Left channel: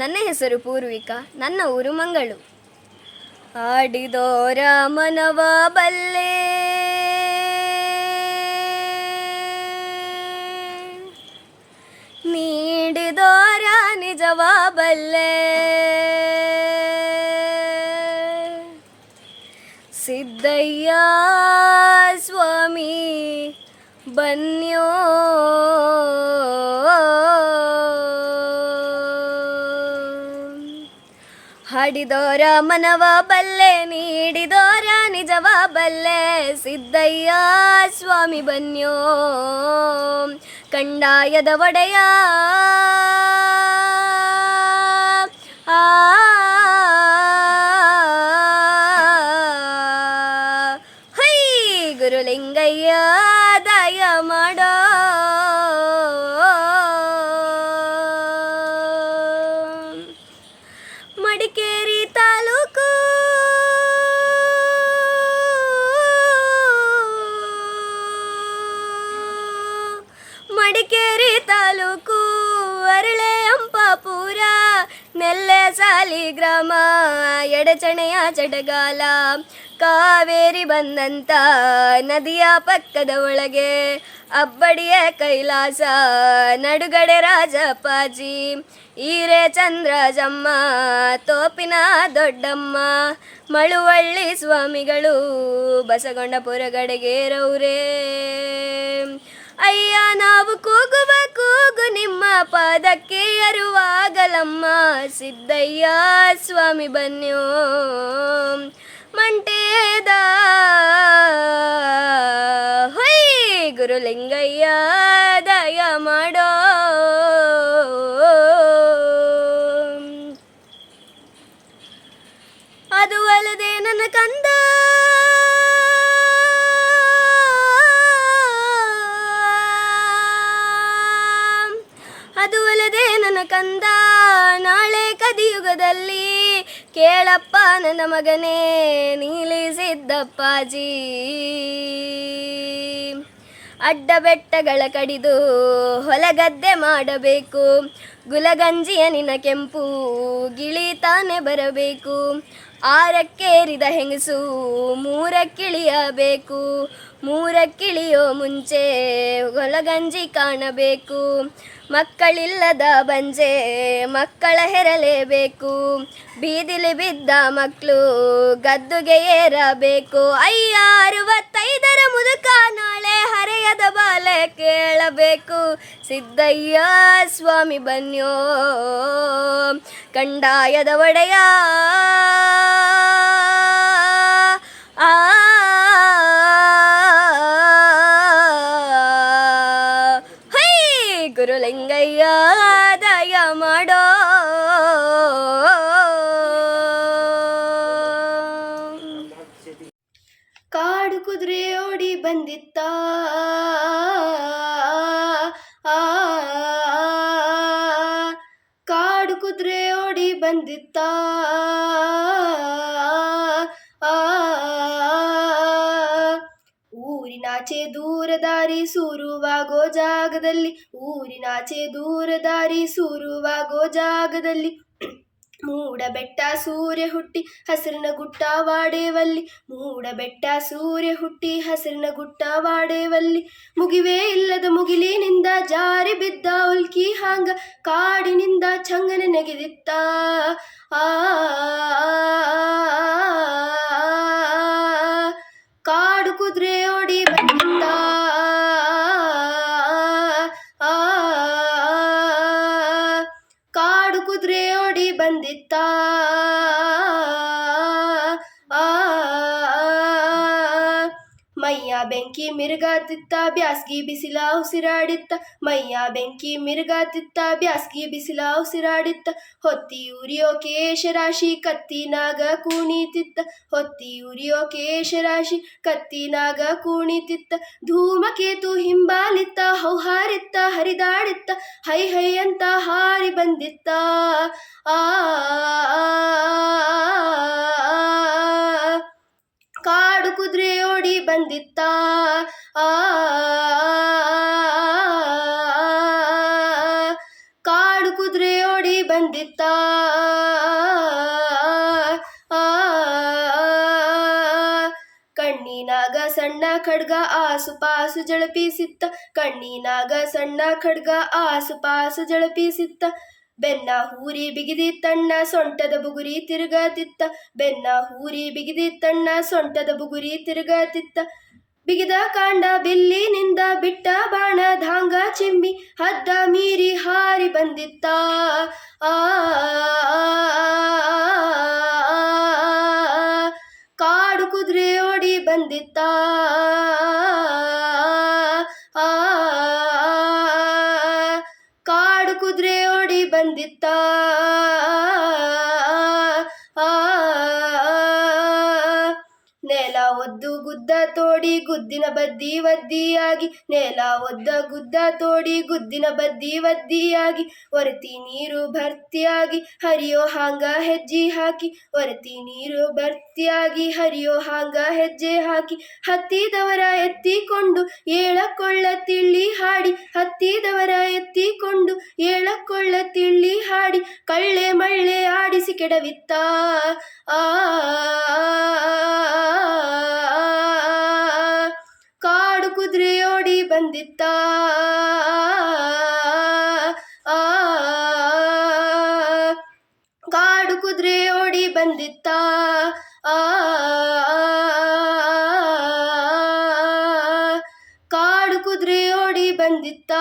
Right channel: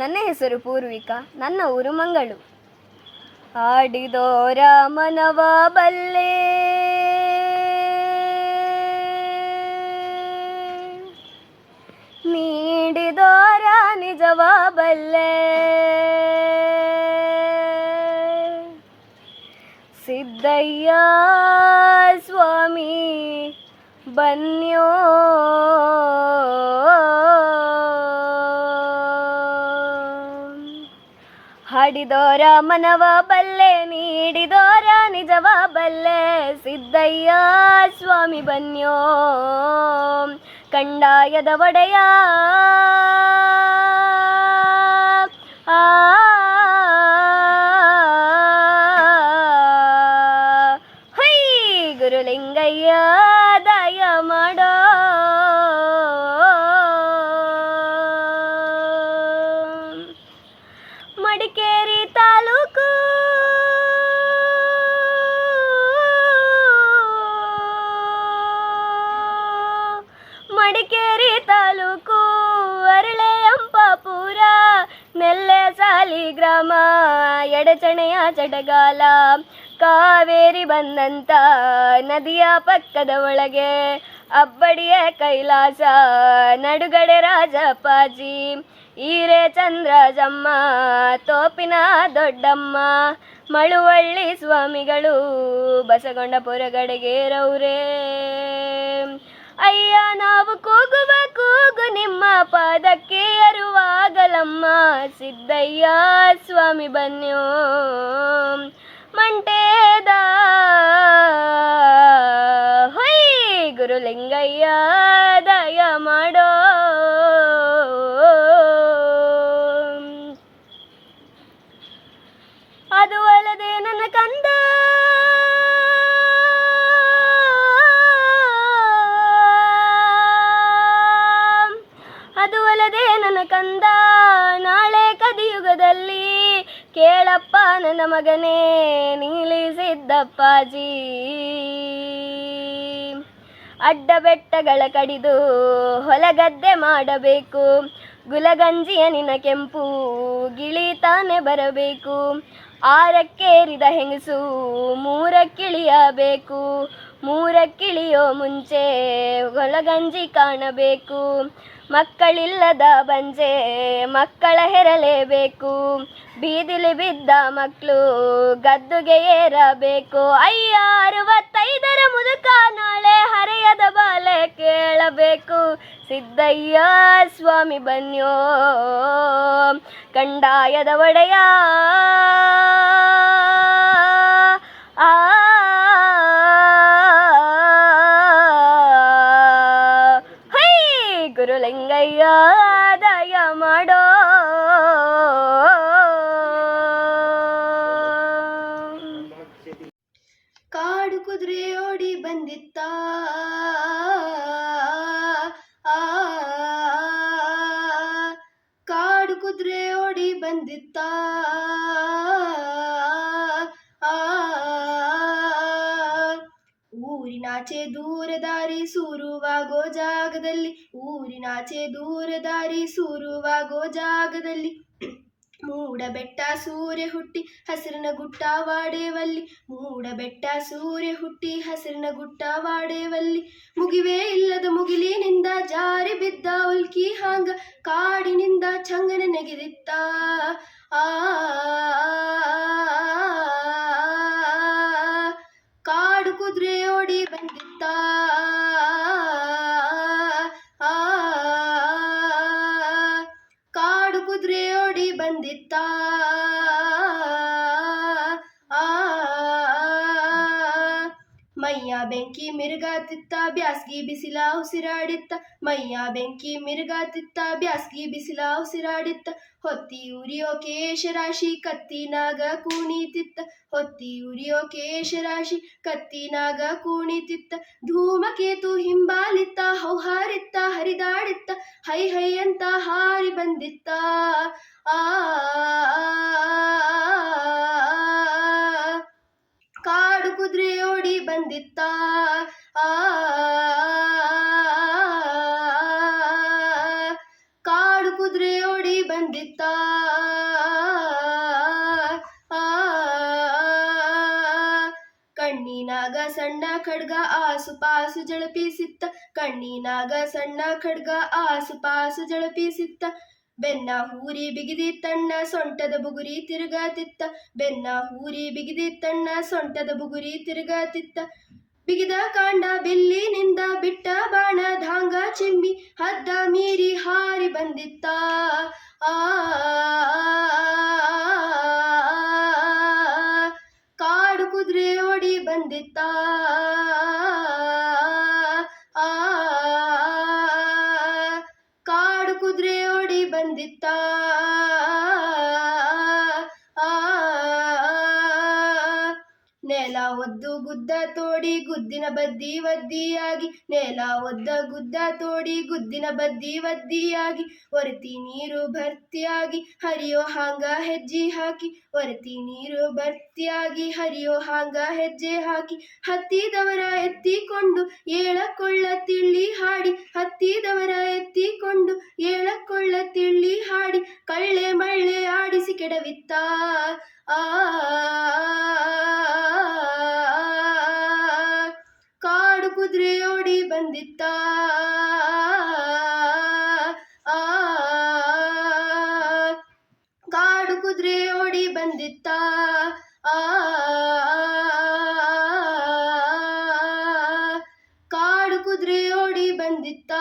ನನ್ನ ಹೆಸರು ಪೂರ್ವಿಕಾ, ನನ್ನ ಊರು ಮಂಗಳು. ಆಡಿದೋರ ಮನವ ಬಲ್ಲೆ, ನೀಡಿದೋರ ನಿಜವ ಬಲ್ಲೆ, ಸಿದ್ದಯ್ಯ ಸ್ವಾಮಿ ಬನ್ಯೋ ಹಾಡಿದೋರ ಮನವ ಬಲ್ಲೆ, ನೀಡಿದೋರ ನಿಜವ ಬಲ್ಲೆ, ಸಿದ್ದಯ್ಯ ಸ್ವಾಮಿ ಬನ್ಯೋ ಕಂಡಾಯದ ಒಡೆಯ. ಹೈ ಗುರುಲಿಂಗಯ್ಯ ದಯ ಮಾಡೋ, ಮಡಿಕೇರಿ ತಾಲೂಕು ಮಡಿಕೇರಿ ತಾಲೂಕು ಅರಳೆ ಅಂಪಾಪುರ, ನೆಲ್ಲೆ ಸಾಲಿ ಗ್ರಾಮ, ಎಡಚಣೆಯ ಚಟಗಾಲ, ಕಾವೇರಿ ಬಂದಂತ ನದಿಯ ಪಕ್ಕದ ಒಳಗೆ, ಅಬ್ಬಡಿಯ ಕೈಲಾಸ, ನಡುಗಡೆ ರಾಜಪ್ಪಾಜಿ, ಈರೆ ಚಂದ್ರಜಮ್ಮ, ತೋಪಿನ ದೊಡ್ಡಮ್ಮ, ಮಳುವಳ್ಳಿ ಸ್ವಾಮಿಗಳು, ಬಸಗೊಂಡಪುರ ಗಡಿಗೇರವ್ರೇ. ಅಯ್ಯ ನಾವು ಕೂಗುವ ಕೂಗು ನಿಮ್ಮ ಪಾದಕ್ಕೆ ಅರುವಾಗಲಮ್ಮ, ಸಿದ್ದಯ್ಯ ಸ್ವಾಮಿ ಬನ್ಯೋ ಮಂಟೇದ. ಹೊಯ್ ಗುರುಲಿಂಗಯ್ಯ ದಯ ಮಾಡೋ, ಅದು ಅಲ್ಲದೆ ನನ್ನ ಕಂದ ಅದು ಅಲ್ಲದೆ ನನ್ನ ಕಂದ, ನಾಳೆ ಕದಿಯುಗದಲ್ಲಿ ಕೇಳಪ್ಪ ನನ್ನ ಮಗನೇ ನೀಲಿ ಸಿದ್ದಪ್ಪಾಜಿ. ಅಡ್ಡ ಬೆಟ್ಟಗಳ ಕಡಿದು ಹೊಲಗದ್ದೆ ಮಾಡಬೇಕು, ಗುಲಗಂಜಿಯ ನಿನ್ನ ಕೆಂಪು ಗಿಳಿ ತಾನೆ ಬರಬೇಕು, ಆರಕ್ಕೇರಿದ ಹೆಂಗಸು ಮೂರಕ್ಕಿಳಿಯಬೇಕು, ಮೂರಕ್ಕಿಳಿಯೋ ಮುಂಚೆ ಹೊಲಗಂಜಿ ಕಾಣಬೇಕು, ಮಕ್ಕಳಿಲ್ಲದ ಬಂಜೆ ಮಕ್ಕಳ ಹೆರಲೇಬೇಕು, ಬೀದಿಲಿ ಬಿದ್ದ ಮಕ್ಕಳು ಗದ್ದುಗೆ ಏರಬೇಕು. ಅಯ್ಯ 65ರ ಮುದುಕ ನಾಳೆ ಹರೆಯದ ಬಾಲೆ ಕೇಳಬೇಕು, ಸಿದ್ದಯ್ಯ ಸ್ವಾಮಿ ಬನ್ಯೋ ಕಂಡಾಯದ ಒಡೆಯ. ಗುರುಲಿಂಗಯ್ಯ ದಯ ಮಾಡೋ, ಕಾಡು ಕುದುರೆ ಓಡಿ ಬಂದಿತ್ತ, ಕಾಡು ಕುದುರೆ ಓಡಿ ಬಂದಿತ್ತ, ಊರಿನಾಚೆ ದೂರ ದಾರಿ ಸೂರುವಾಗೋ ಜಾಗದಲ್ಲಿ, ಊರಿನಾಚೆ ದೂರ ದಾರಿ ಸೂರುವಾಗೋ ಜಾಗದಲ್ಲಿ, ಮೂಡ ಬೆಟ್ಟ ಸೂರ್ಯ ಹುಟ್ಟಿ ಹಸಿರಿನ ಗುಟ್ಟವಾಡೇವಲ್ಲಿ, ಮೂಡ ಬೆಟ್ಟ ಸೂರ್ಯ ಹುಟ್ಟಿ ಹಸಿರಿನ ಗುಟ್ಟವಾಡೇವಲ್ಲಿ, ಮುಗಿವೇ ಇಲ್ಲದ ಮುಗಿಲಿನಿಂದ ಜಾರಿ ಬಿದ್ದ ಉಲ್ಕಿ ಹಾಂಗ, ಕಾಡಿನಿಂದ ಚಂಗನೆ ನೆಗೆದಿತ್ತ. ಕಾಡು ಕುದುರೆ ಓಡಿ ಬಂದಿತ್ತ, ಕಾಡು ಕುದುರೆ ಓಡಿ ಬಂದಿತ್ತ, ಮೈಯ ಬೆಂಕಿ ಮಿರುಗಾತಿತ್ತ, ಬ್ಯಾಸ್ಗಿ ಬಿಸಿಲ ಉಸಿರಾಡಿತ್ತ, ಮೈಯ ಬೆಂಕಿ ಮಿರುಗಾತಿತ್ತ, ಬ್ಯಾಸ್ಗಿ ಬಿಸಿಲ ಉಸಿರಾಡಿತ್ತ, ಹೊತ್ತಿ ಉರಿಯೋ ಕೇಶರಾಶಿ ಕತ್ತಿನಾಗ ಕುಣಿತಿತ್ತ, ಹೊತ್ತಿ ಉರಿಯೋ ಕೇಶರಾಶಿ ಕತ್ತಿನಾಗ ಕುಣಿತಿತ್ತ, ಧೂಮಕೇತು ಹಿಂಬಾಲಿತ್ತ, ಹೌಹಾರಿತ್ತ, ಹರಿದಾಡಿತ್ತ, ಹೈ ಹೈ ಅಂತ ಹಾರಿ ಬಂದಿತ್ತ. ಕಾಡು ಕುದುರೆ ಓಡಿ ಬಂದಿತ್ತ, ಕಾಡು ಕುದುರೆ ಓಡಿ ಬಂದಿತ್ತ. ಬಂದಿತ್ತ ಆ ಕಣ್ಣಿನಾಗ ಸಣ್ಣ ಖಡ್ಗ ಆಸುಪಾಸು ಜಳಪಿಸಿತ್ತ ಕಣ್ಣಿನಾಗ ಸಣ್ಣ ಖಡ್ಗ ಆಸುಪಾಸು ಜಳಪಿಸಿತ್ತ ಬೆನ್ನ ಹೂರಿ ಬಿಗಿದಿತ್ತಣ್ಣ ಸೊಂಟದ ಬುಗುರಿ ತಿರುಗತಿತ್ತ ಬೆನ್ನ ಹೂರಿ ಬಿಗಿದಿತ್ತಣ್ಣ ಸೊಂಟದ ಬುಗುರಿ ತಿರುಗತಿತ್ತ ಬಿಗಿದ ಕಾಂಡ ಬಿಲ್ಲಿನಿಂದ ಬಿಟ್ಟ ಬಾಣ ಧಾಂಗ ಚಿಮ್ಮಿ ಹದ್ದ ಮೀರಿ ಹಾರಿ ಬಂದಿತ್ತ ಆ ಕಾಡು ಕುದುರೆ ಓಡಿ ಬಂದಿತ್ತ ಆ ಕಾಡು ಕುದುರೆ ಓಡಿ ಬಂದಿತ್ತ ಆ ನೆಲ ಒದ್ದು ಗುದ್ದ ತೋಡಿ ಗುದ್ದಿನ ಬದ್ದಿ ಒದ್ದಿಯಾಗಿ ನೆಲ ಒದ್ದ ಗುದ್ದ ತೋಡಿ ಗುದ್ದಿನ ಬದ್ದಿ ಒದ್ದಿಯಾಗಿ ಒರತಿ ನೀರು ಭರ್ತಿಯಾಗಿ ಹರಿಯೋ ಹಾಂಗ ಹೆಜ್ಜೆ ಹಾಕಿ ಒರತಿ ನೀರು ಭರ್ತಿಯಾಗಿ ಹರಿಯೋ ಹಾಂಗ ಹೆಜ್ಜೆ ಹಾಕಿ ಹತ್ತಿದವರ ಎತ್ತಿಕೊಂಡು ಏಳಕೊಳ್ಳ ತಿಳ್ಳಿ ಹಾಡಿ ಹತ್ತಿದವರ ಎತ್ತಿಕೊಂಡು ಏಳಕೊಳ್ಳ ತಿಳ್ಳಿ ಹಾಡಿ ಕಳ್ಳೆ ಮಳ್ಳೆ ಆಡಿಸಿ ಕೆಡವಿತ್ತ ಆ ಕಾಡು ಕುದುರೆ ಓಡಿ ಬಂದಿತ್ತ ಆ ಕಾಡು ಕುದುರೆ ಓಡಿ ಬಂದಿತ್ತ ಆ ಕಾಡು ಕುದುರೆ ಓಡಿ ಬಂದಿತ್ತ